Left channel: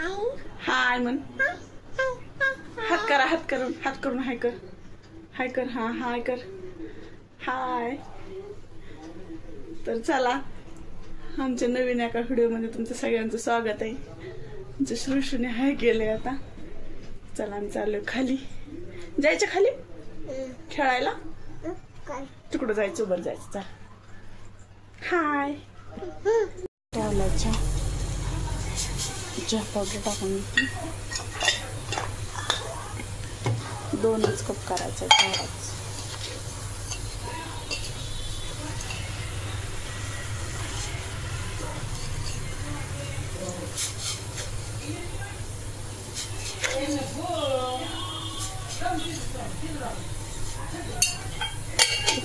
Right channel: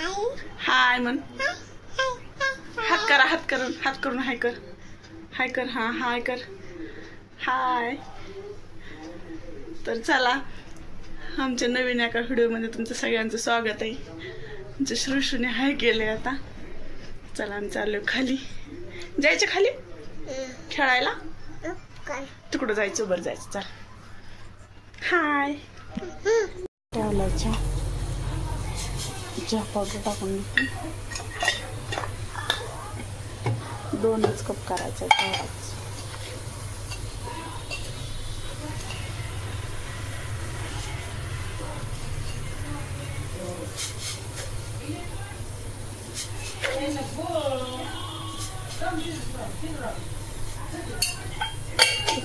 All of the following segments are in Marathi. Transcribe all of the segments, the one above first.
हाय म्हण. हात करा, हात करून हाय कर. हाय कर. हा हाय कर. हाय. तर चला, आमच्या नवीन एका व्हिडिओमध्ये तुमचं सगळ्यांचं स्वागत आहे. तुमच्या श्रुशूने हाय केले. आता चला आम्ही चाललो खाली. जायचं खाली खेळायला. तिकडं जायचं, वर जायचं. चल. हाय. चहा पावडर टाकून घेते. 2च कप करायचा तेवढाच.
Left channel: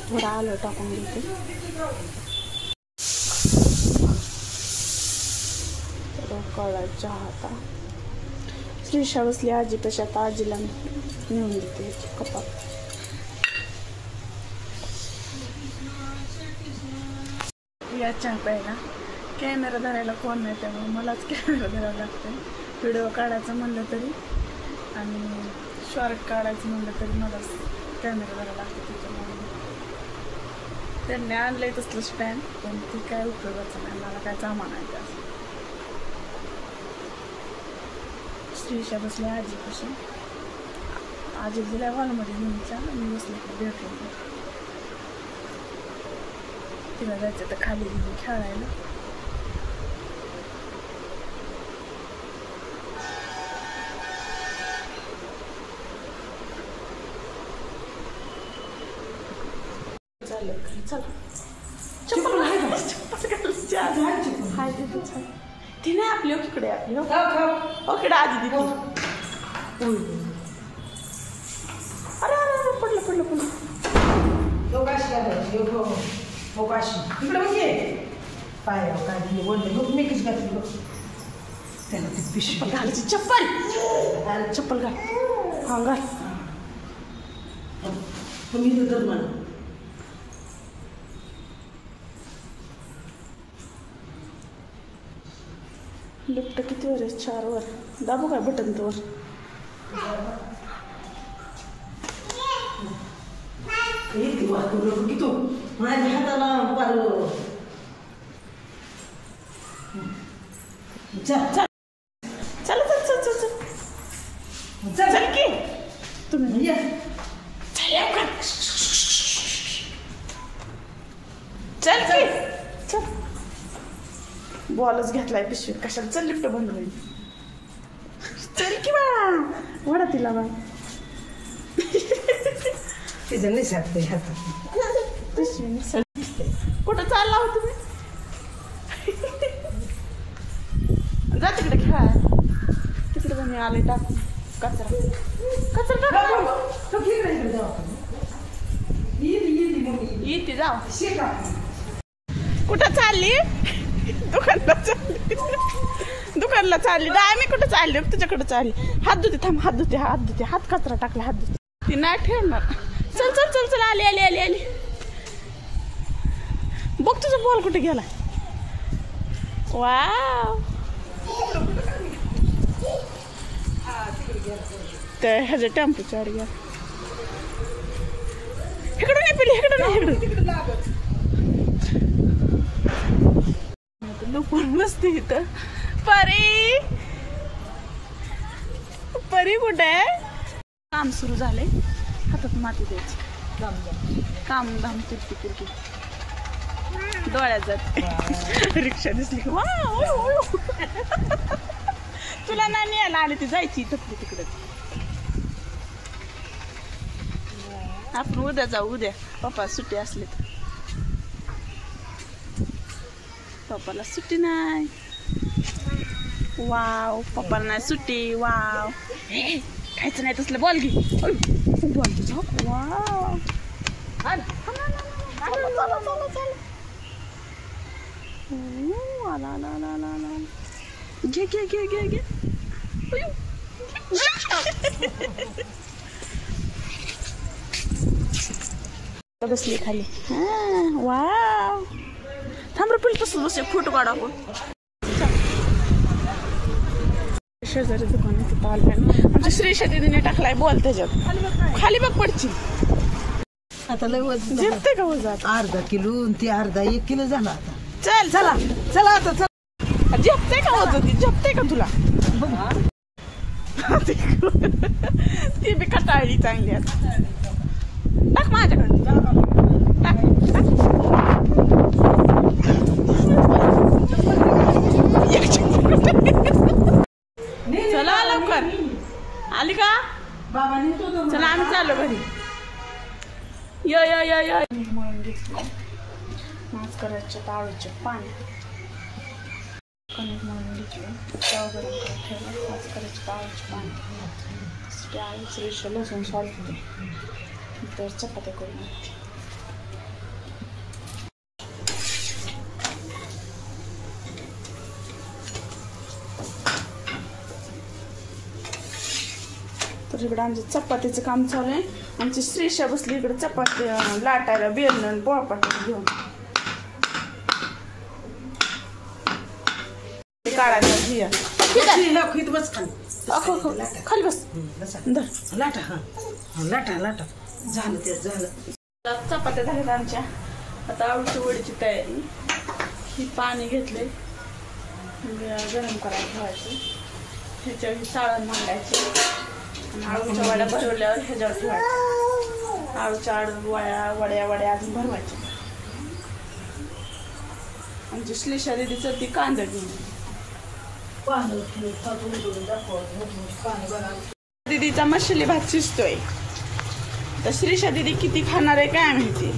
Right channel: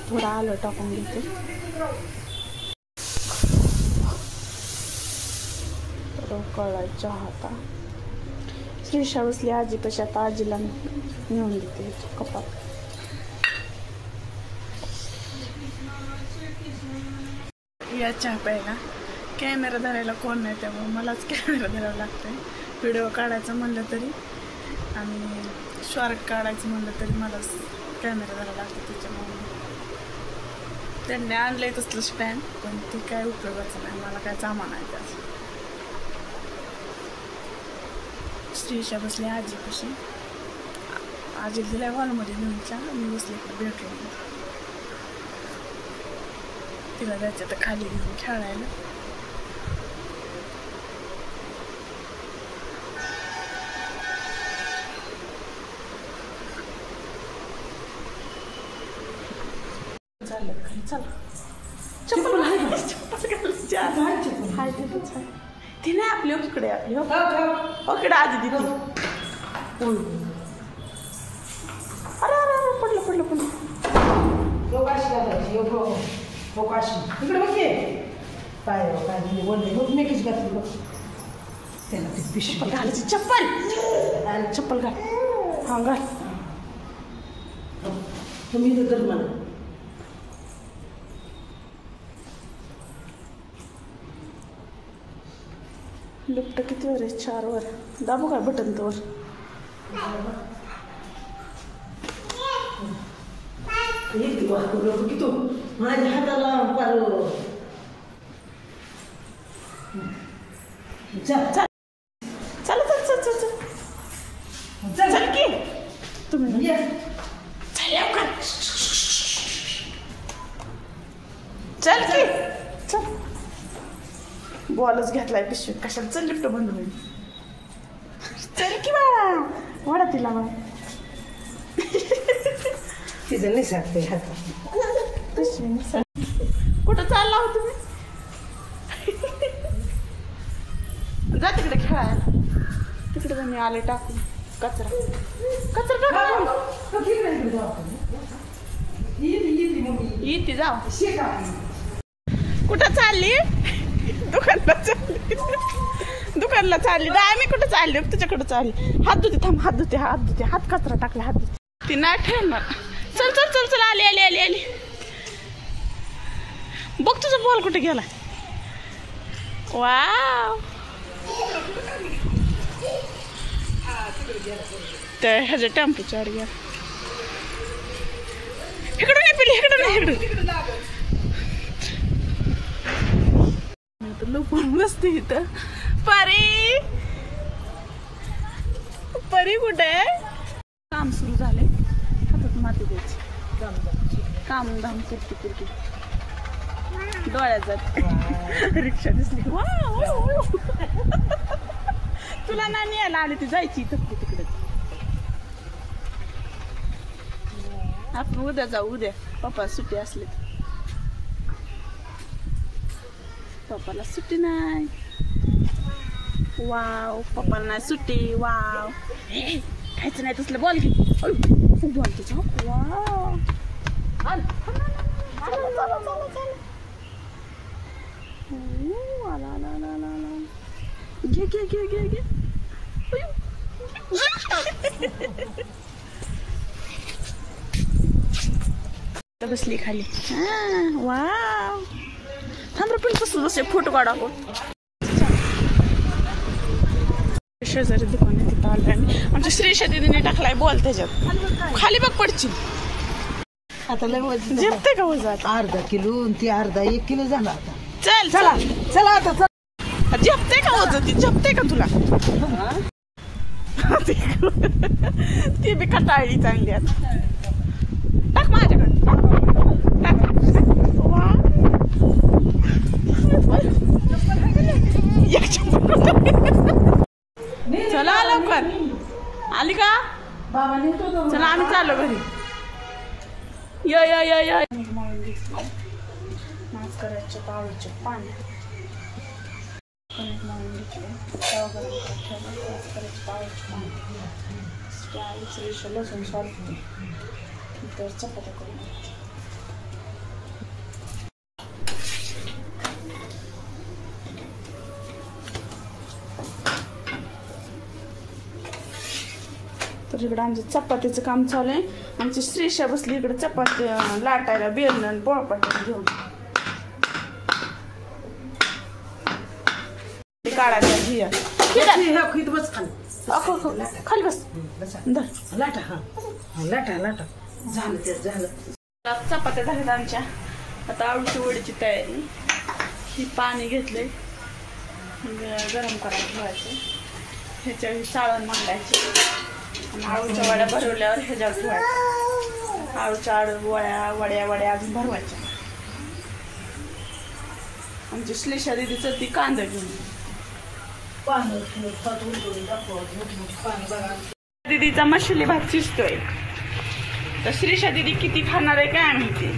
थोडा आलं टाकून घेते. कळायचा आता श्रीषा बसली आजी पशी. आता आजीला नेऊन देते कपात. या चहा प्यायला कॅमेरा धरायला कोण नाही, त्यामुळे मलाच कॅमेरा धरावा लागतोय. व्हिडिओ काढायचं म्हणलं तरी आणि शॉर्ट काढायचं म्हणलं तरी मलाच कॅमेरा धरायला लागतो. त्याच्यामुळे त्यांनी आणलंय तसलं स्टँड, पण ती काय उपयोगाचं नाही. मला काय सामान आहे त्याचं. श्रीषा बसली आजीपाशी. आजी दिल्या हॉलमध्ये नेऊनच्या. मी बसले बेडरूम. तिला जायचं तर खाली घेऊन खेळायला. झालं खाली. चला चप्पल हाय ती नाही आपली. इकडे आपली इकडे आजी दिली. अरे अरे पडलं पडलं पडलं. घालायची चप्पल. चप्पल घाल. हा घाल. लिफ्ट किती वर आहे? 4 वर. दाबू काय बटन तर? माझ्या हाताला चल की तुम्ही. चल की चल. बॉलच घेतलाय पिशवी कशाला. चल लिफ्ट बंद होईल. चल की बाळा. वाडा तिला बा. तिचं नाही साधते हातात. कुठं चालला हो तुम्ही? जा तिकडे खेळायला. तिकडे मी आले टाकून कचरा. कचरा टाकून येते. जाऊ. कुठं चालली? दुकानला चालली. मी कुठं चालली? तुझ्याकडे चालली. हात धुते. थांब. हात धुते. हात कचरा टाकला. हात धुते. ती नाही ठेवणार. चल चल चल चल. आली आली आली आली. बघ तुझा बॉल कुठे गेला. वाव. तर ह्याच्या टेम्पोच्या वर गेला. इकडून नाही पिली. इकडून लपून बसते इथं. परी कुठे? काम सुरू झालंय. हातात माती द्यायची. काम धाम किरकी डोळ्यात जात. रिक्षा दिसली. तुला ना न्यायला आली ती. जायची तिकडे. आपण उद्या जाऊ. उद्या पप्पा सुट्टी असली. पप्पाला सुट्टी नाही. वाव. पप्पाला नाही सुट्टी. वाव. खायचं नाही तसलं. बॉल घे. बॉल तुझा. वाव. घे. बसली खाली. वाव. थांब रे. तसं बस. फोटो काढा. शेजारी दुकान आहे तिथं आलोय आम्ही. आमच्या श्रीशा दीदीने टाकलाय बॉल त्याच्यात. खाली बघ पडची. आता लय वजन झेपते का वजात? अर्धा किलो आणि ती अर्धा 1 किलो झाला आता. चल चला चला आता चला. झेपते का वजन? ती झेपते का तुला? ती बी कटाळली चांगली आता. टाक माझ्याकडे. टाक टाक. चला लवकर. आली का? चला आम्ही चाललो घरी. या या या या. मास करायचे ताळूचे पाणी. कणिक मळून घेतली. तवा गरम करत ठेवला. मास करायचे ताळूचे पाणी. आलीच रेषा लसूण सोलते. तर चपात्या करून घ्यायच्या. तर इकडे आमचं चपातीचं काम चालू आहे. आमची श्रीशा बसली इकडे चपाती लाटायला बेलन आणि पोळपाटी घेऊन. काढायचा घिया खाली बस. लाटा लाटा लाटा झालं ते झालं. चपात्या झाल्यात आमच्या. आता आळूची वडीची तयारी. ही पाणी घेतले गरम करायला ठेवायचं. ह्याच्यावर साळण मांडायचे. आळूच्या वड्या भरवल्यावर ह्याच्यावर ठेवायच्या. आळूच्या वड्या वड्या वड्या अजून भरवायच्या. आमची श्रीशा दीदीचं ती कांदा घेऊन. दीदीचा मसाले भात शिजतोय. तर श्रीशा दीदी किती खाणार आहे काय माहिती.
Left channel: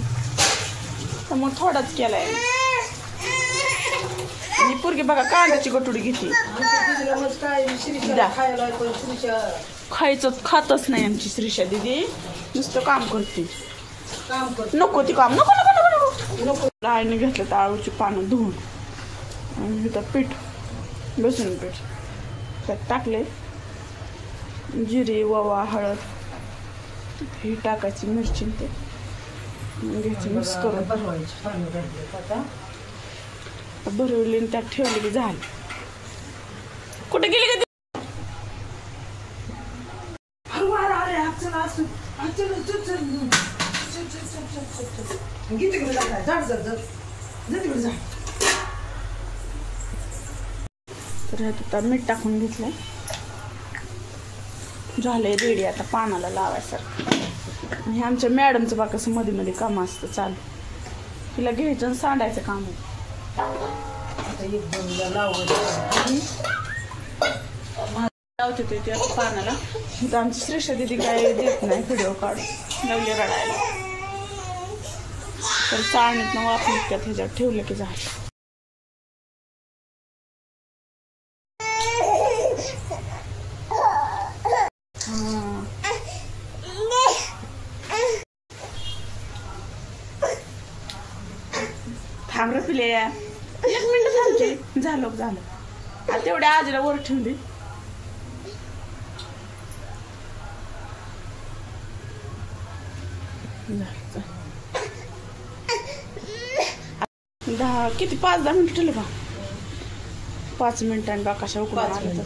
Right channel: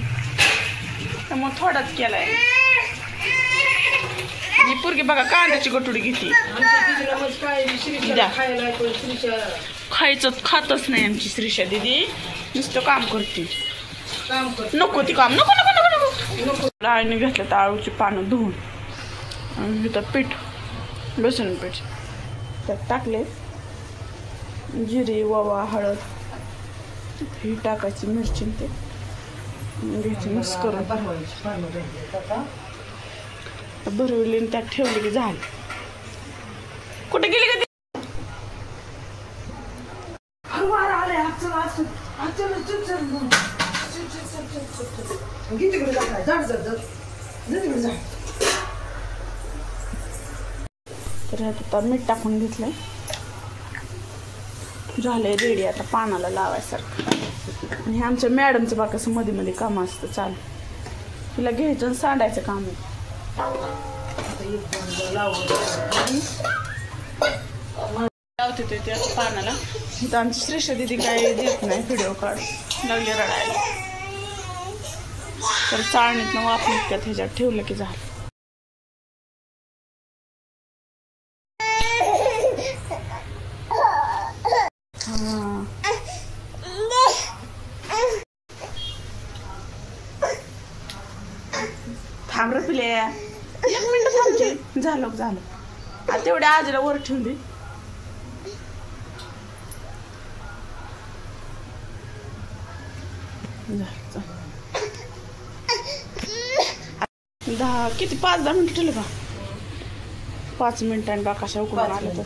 तर मग थोडाच केलाय. आणि पोरगी बघा कांद्याची गटुडी घेतली. खायचं खातच नाही आमची श्रीशा दीदी. नुसतं काम करते. नको ती काम नको नको नको नको. आईने घेतलं तर आळूची पानं धुवून आणि इथं पीठ बेसन पीठ त्यात टाकले. जिरे ओवा हळद ही टाकायची. मिरची ते घ्यायची मिक्स करून भरवली त्यात ठेवली की झाली. कुठे गेली का? तर ह्यात आता मीठ टाकून घेतलंय. झालंय रेडी आता पानाला लावायसारखं. आणि आमच्या मॅडमचं बा कसं मध्ये मध्ये काम असतं चालू. तिला घ्यायचं आणि सांडायचं काम आहे. लावते ते त्या पानाला. तर आमची श्रीशा दीदी काय देत नाही व्हिडिओ काढून. लागले रडायला. तर चाळणीतनं वाफून त्यात ह्याच्यात ठेवलं की झालं. थांब रे पिले. 1 मिनिट थांबते. झालं झालं. आता तेवढ्या आजीला वर ठेवली. किती 5-10 मिनिट ठेवलं का? 5 मिनिटांनी बा कशा उकडून आलं तर.